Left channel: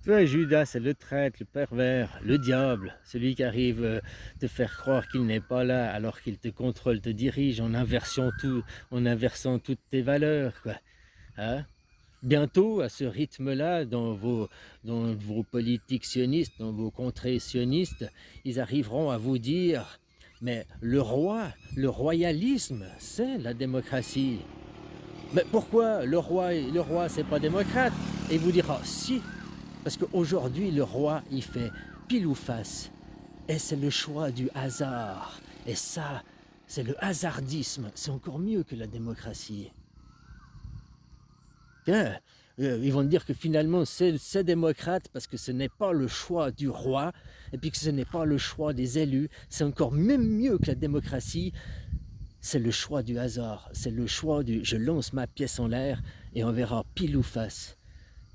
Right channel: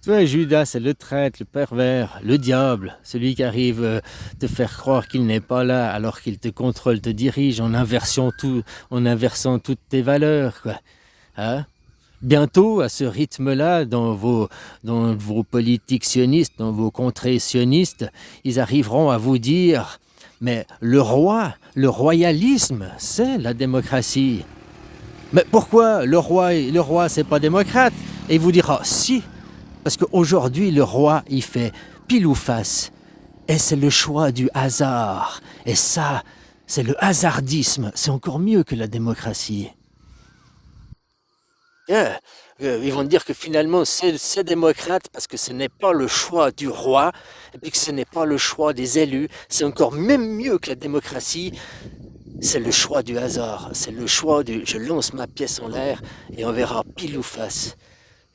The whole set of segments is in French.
Tu vois, Judas, c'est le traître, le pervers, le diable, celui qui arrive te faire croire qu'il n'est pas là alors qu'il te contrôle, te dirige en inversant toutes tes valeurs, quoi. Hein? Bientôt, à ce rythme-là, dans vos politiques sionistes, dans vos contrées sionistes, ils arriveront à vous dire, mais le royalisme, c'est la démocratie. Mais pourquoi le roi, c'est pas démocrate? Et il vous dira, si, parce qu'aujourd'hui, le roi, il fait pile ou face. Et c'est le choix du hasard. Et ça, c'est le hasardisme. C'est encore mieux que la démocratie. Yeah. Ils vont dire que finalement c'est démocrate parce que ce n'est pas le choix du roi et puis que ce n'est pas le choix des élus. C'est encore même mieux que la démocratie. C'est le choix du hasard. C'est le choix du je lance ma pièce en l'air et on verra pile ou face.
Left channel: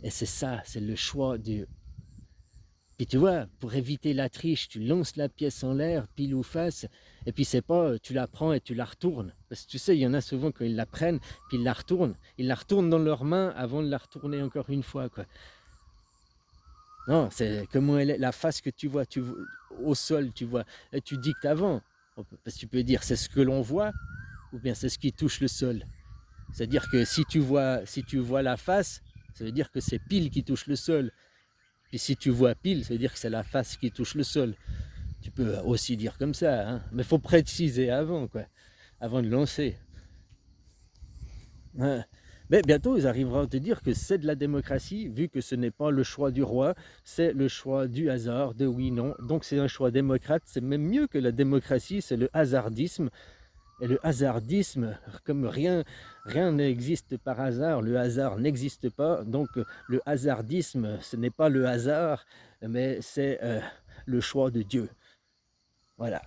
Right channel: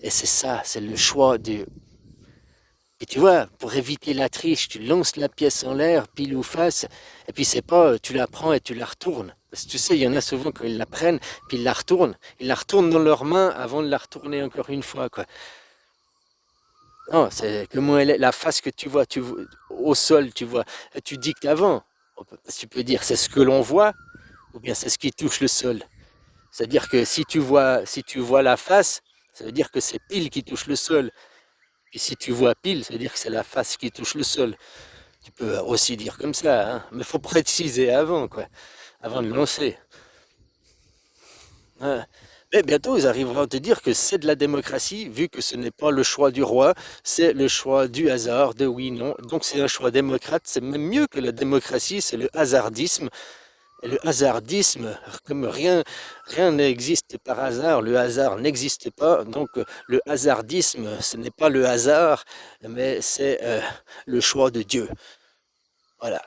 Et c'est ça, c'est le choix du. Et tu vois, pour éviter la triche, tu lances la pièce en l'air, pile ou face, et puis c'est pas, tu la prends et tu la retournes. Parce que tu sais, il y en a souvent quand ils la prennent, puis ils la retournent. Ils la retournent dans leurs mains avant de la retourner encore une fois, quoi. Non, c'est comment elle est, la face que tu vois au sol, tu vois, et tu dictes avant. Parce que tu peux dire c'est ce que l'on voit, ou bien c'est ce qui touche le sol. C'est-à-dire que si tu vois la face, ça veut dire que c'est pile qui touche le sol. Puis si tu vois pile, ça veut dire que c'est la face qui touche le sol. Tu peux aussi dire comme ça, hein, mais il faut préciser avant, quoi, avant de lancer. Ouais. Mais bientôt, ils arriveront à te dire que c'est de la démocratie, vu que ce n'est pas le choix du roi, c'est le choix du hasard, de oui, non. Donc c'est un choix démocrate, c'est même mieux que la démocratie, c'est le hasardisme. Et le hasardisme, comme rien n'existe par hasard, le hasard n'existe pas, donc le hasardisme, ce n'est pas le hasard, mais c'est le choix de Dieu. Voilà.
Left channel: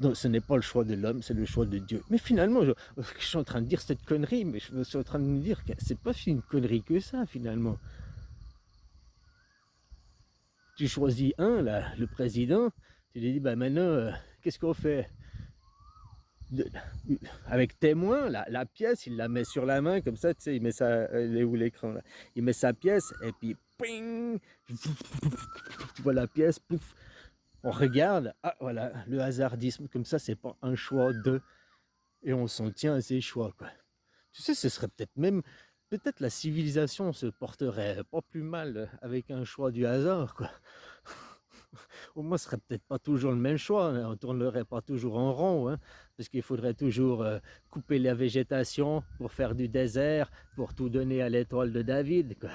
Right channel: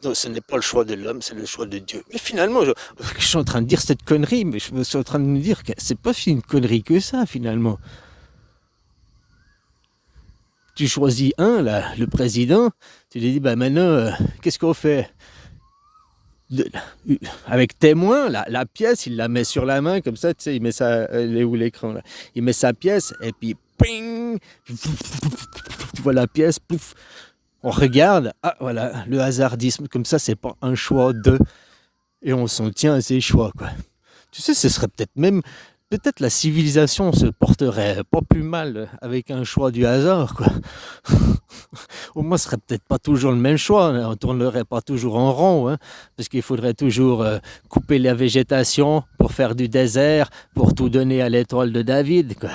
Donc ce n'est pas le choix de l'homme, c'est le choix de Dieu. Mais finalement, je suis en train de dire cette connerie, mais je suis en train de me dire que c'est pas si une connerie que ça, finalement. Tu choisis un, là, le président, tu lui dis, bah maintenant, qu'est-ce qu'on fait? de- Avec témoin, la pièce, il la met sur la main, comme ça, tu sais, il met ça, elle est où l'écran, là? Il met sa pièce, et puis, ping, tu vois la pièce, pouf, on regarde, ah voilà, le hasardisme, comme ça, c'est pas un choix de, et on s'en tient à ses choix, quoi. Tu sais, ce serait peut-être même, peut-être la civilisation se porterait pas plus mal avec un choix du hasard, quoi. Au moins, ce serait peut-être pas toujours le même choix, hein. On tournerait pas toujours en rond, hein, parce qu'il faudrait toujours couper la végétation pour faire du désert, pour tout donner à l'étoile de David, quoi.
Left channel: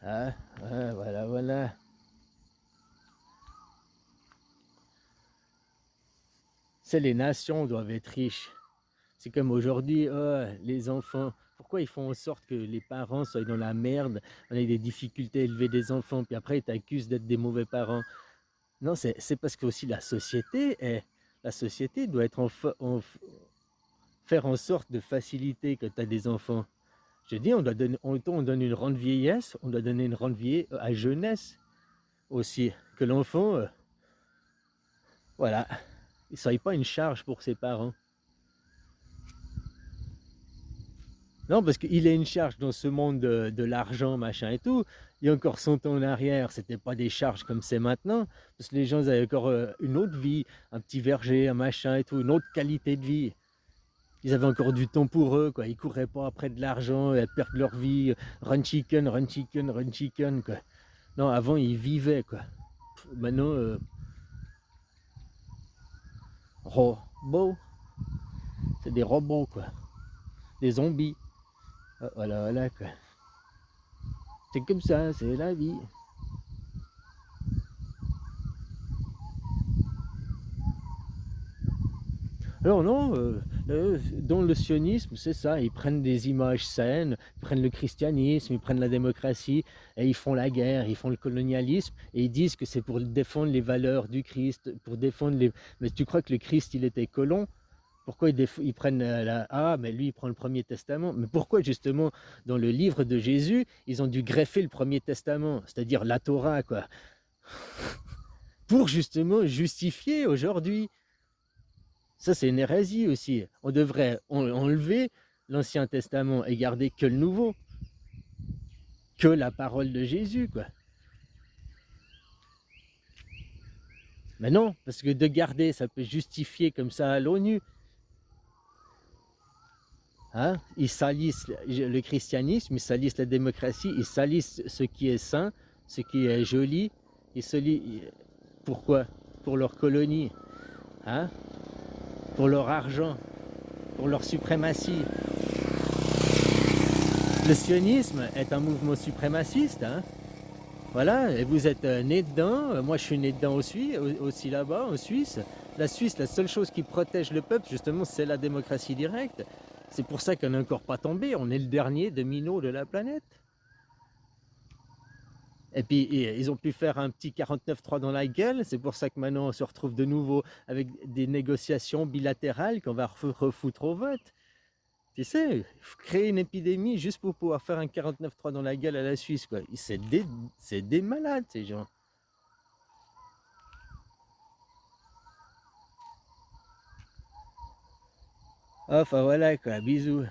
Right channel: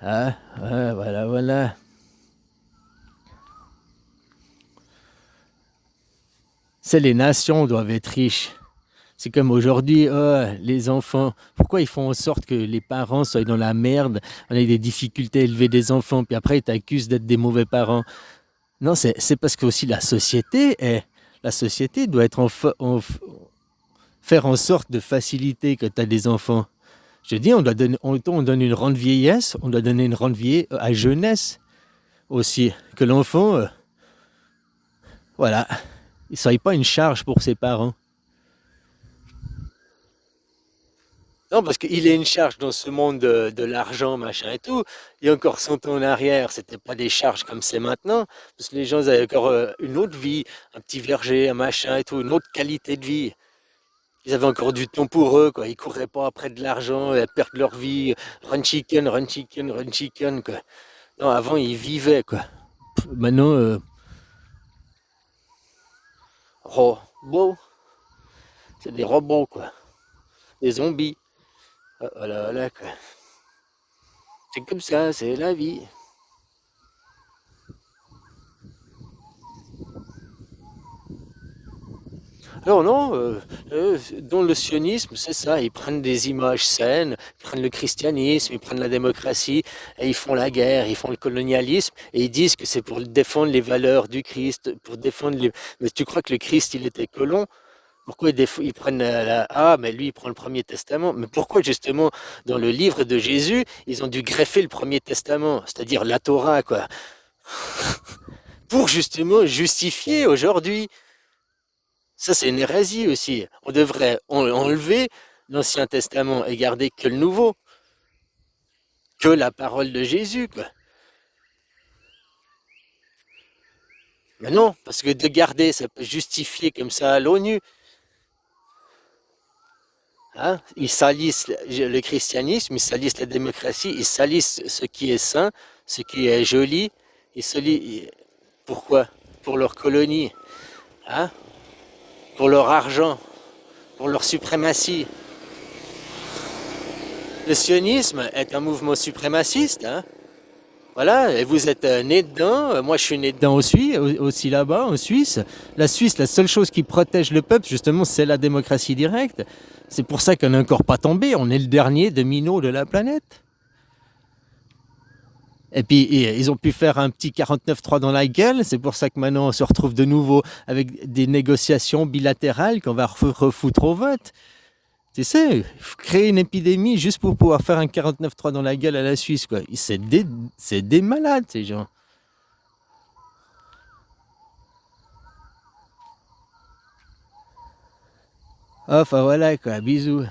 Hein? Ouais, voilà, voilà. C'est les nations doivent être riches. C'est comme aujourd'hui, oh, les enfants, pourquoi ils font en sorte que les parents soient dans la merde, on a des difficultés à élever des enfants, puis après ils t'accusent d'être des mauvais parents. Non, c'est parce que aussi la société doit être faire en sorte de faciliter que tu as des enfants. Je dis, on donne une rente vieillesse, on doit donner une rente vieillesse à jeunesse aussi. Que l'enfant, voilà, il ne soit pas une charge pour ses parents. Non, parce qu'il est une charge dans ce monde de l'argent, machin et tout. Il y a encore 100 ans en arrière, c'était pas des charges comme c'est maintenant, parce que les gens avaient encore une autre vie, un petit verger, un machin et tout, une autre qualité de vie. Ils avaient encore du temps pour eux, quoi. Ils couraient pas après de l'argent et perdre leur vie. Run chicken, run chicken, run chicken, quoi. Non, avant, ils vivaient, quoi. Maintenant, robots, c'est des robots, quoi. Des zombies. Ah, voilà, voilà, quoi. C'est comme ça, c'est la vie. Alors non, dans le sionisme, c'est ça, ils prennent des images saines, ils prennent le christianisme, ils prennent la démocratie, et ils font la guerre, ils font le colonialisme, et ils disent que c'est pour défendre les valeurs du Christ, pour défendre les. Mais tu crois que le Christ, il était colon? Pourquoi ils prennent Ah, mais lui, il prend le Premier Testament. Mais pourquoi, justement, dans le livre de Jésus, ils ont dû greffer le Premier Testament, c'est-à-dire la Torah, quoi, pour justement justifier aujourd'hui. Ça, c'est une hérésie aussi. On devrait enlever l'Ancien Testament et garder que le Nouveau, que la parole de Jésus, quoi. Mais non, parce que de garder, ça peut justifier comme ça à l'ONU. Hein? Ils salissent le christianisme, ils salissent la démocratie, ils salissent ce qui est saint, ce qui est joli. Ils pourquoi? Pour leur colonie, hein? Pour leur argent, pour leur suprématie. Le sionisme est un mouvement suprémaciste, hein? Voilà, et vous êtes né dedans, moi je suis né dedans aussi là-bas, en Suisse. La Suisse, la seule chose qui protège le peuple, justement, c'est la démocratie directe. C'est pour ça qu'on n'est encore pas tombé, on est le dernier domino de la planète. Et puis ils ont pu faire un petit 49-3 dans la gueule, c'est pour ça que maintenant on se retrouve de nouveau avec des négociations bilatérales qu'on va refoutre au vote. Tu sais, créer une épidémie juste pour pouvoir faire un 49-3 dans la gueule à la Suisse, quoi. C'est des malades, ces gens. Enfin voilà, quoi. Bisous.